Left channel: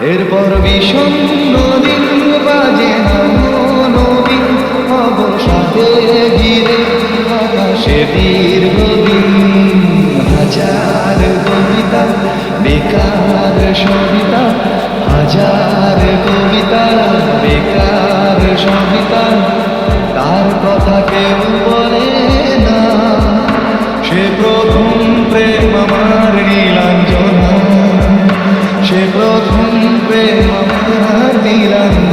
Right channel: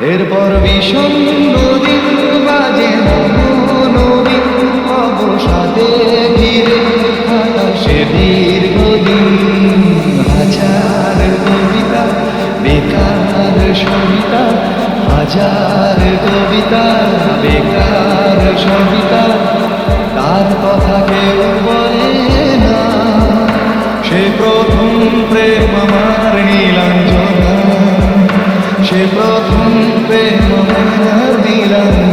এরপর বিষণ্ণ দিন বাজে নামো অবসাদে ঘিরে আকাশে দীর্ঘদিন হাজার কবিতা, বেকার সবিতা, হাজার কবিতা, বেকার সবিতা। তার কথা কেউ বলে না, সে প্রথম প্রেম আমার নীলাঞ্জনা। সে প্রথম প্রেম আমার নীলাঞ্জনা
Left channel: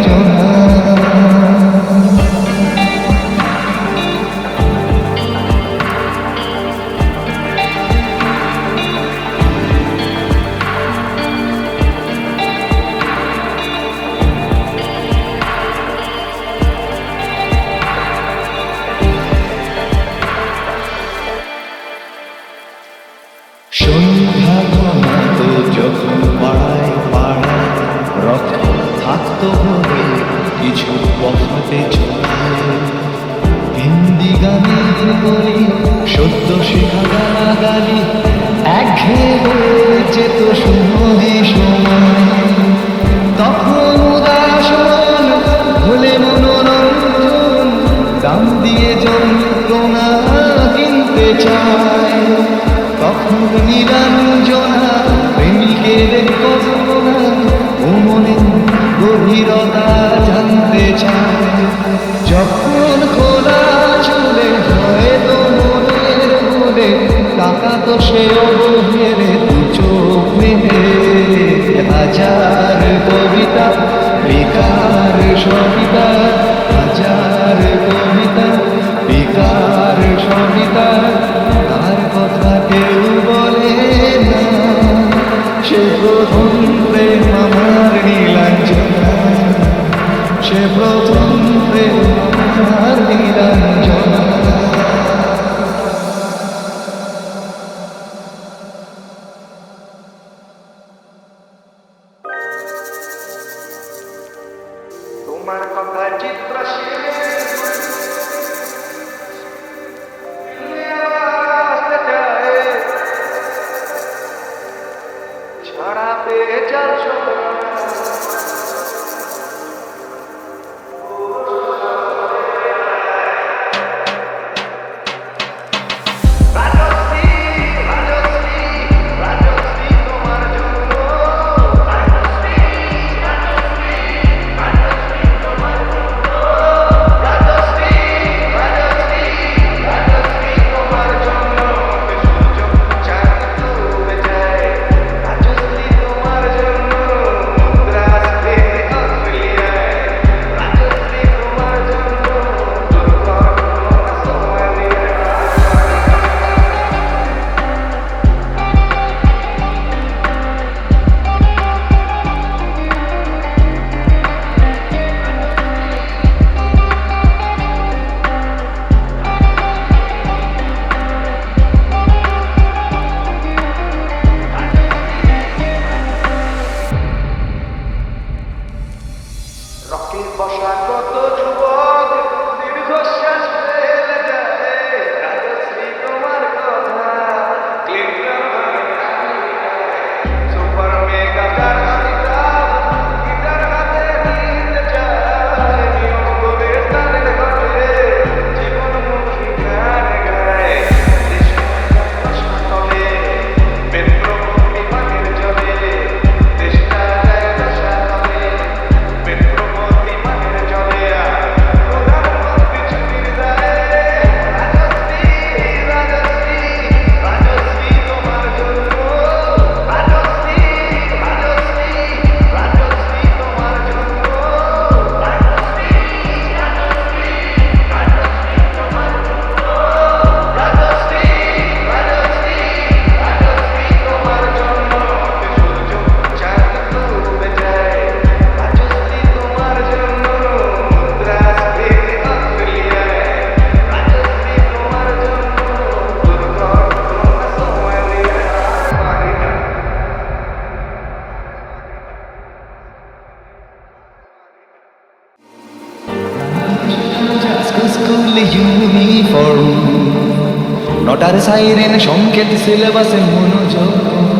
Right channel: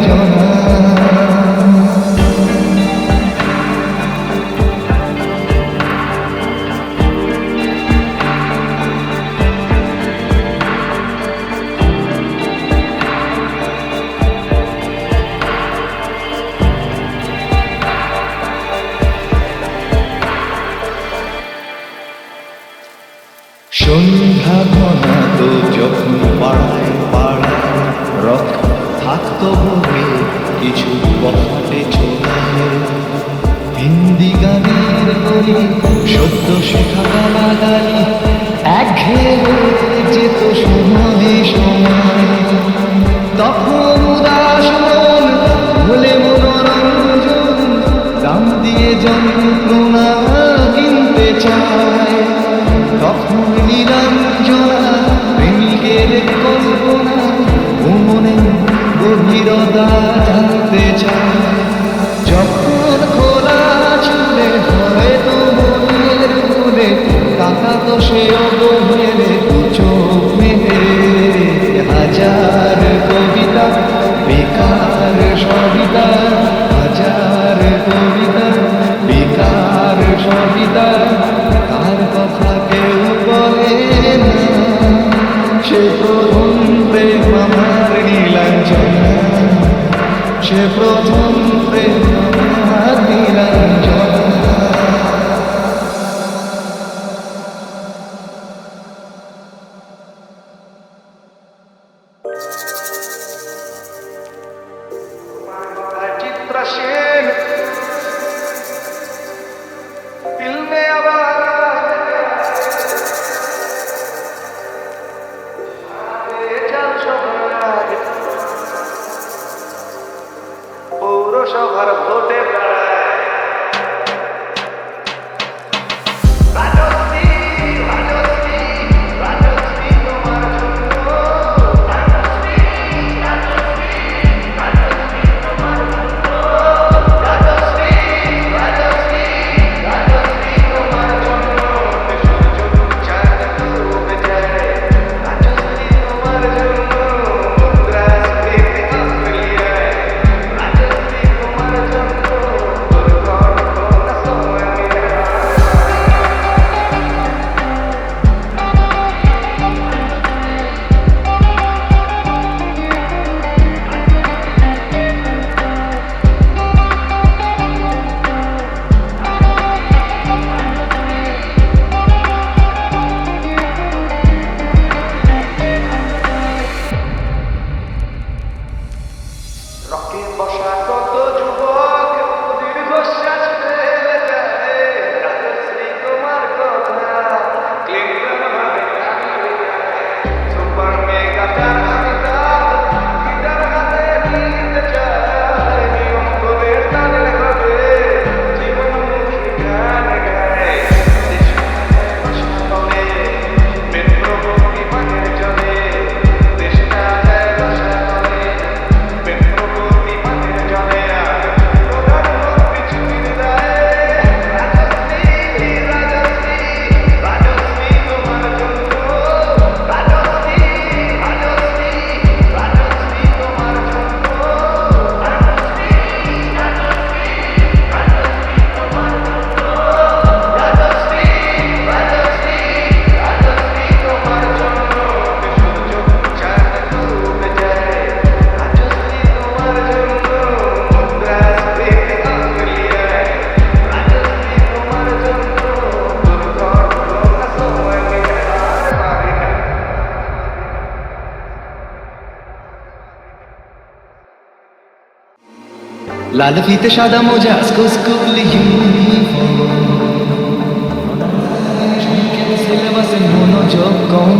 সন্ধ্যা ঘনা তো যখন পাড়ায় পাড়ায় রক্ত থাকতো ভরে, কিছু পফাটে ছোড়ায়। হিন্দি গানের গলি সদ্য শেখা গালা গালি একঘেয়ে হয়ে যেত সময়ে সময়। তখন উদাস মন হলে মনোরঞ্জন, দাম দিয়ে যন্ত্রণা কিনতে চায়। তখন নিরঞ্জনা, প্রেমিকের কল্পনা, ও মনে গভীরতা জানতে চায়। যখন খোলা চুলে হয়তো মনের ভুলে টাকা তো সে অবহেলে দু চোখ মেলে। হাজার কবিতা, বেকার সবিতা, হাজার কবিতা, বেকার সবিতা কথা কেউ বলে না। সে প্রথম প্রেম আমার নীলাঞ্জনা। সে প্রথম প্রেম আমার নীলাঞ্জনা। তোমার কথায় চিত্র সেন চাল বসা কত যুবক দীর্ঘশ্বাস ফেলে যায়। রাজশ্রী তোমার কথা ক্লিন্টন ভাবে কানে সুপার মেগা লাল ফিতে সাদা মোজা স্কুল ইউনিফর্ম নটার সাইরেন সংকেত সিলেবাসে মনোযোগ কম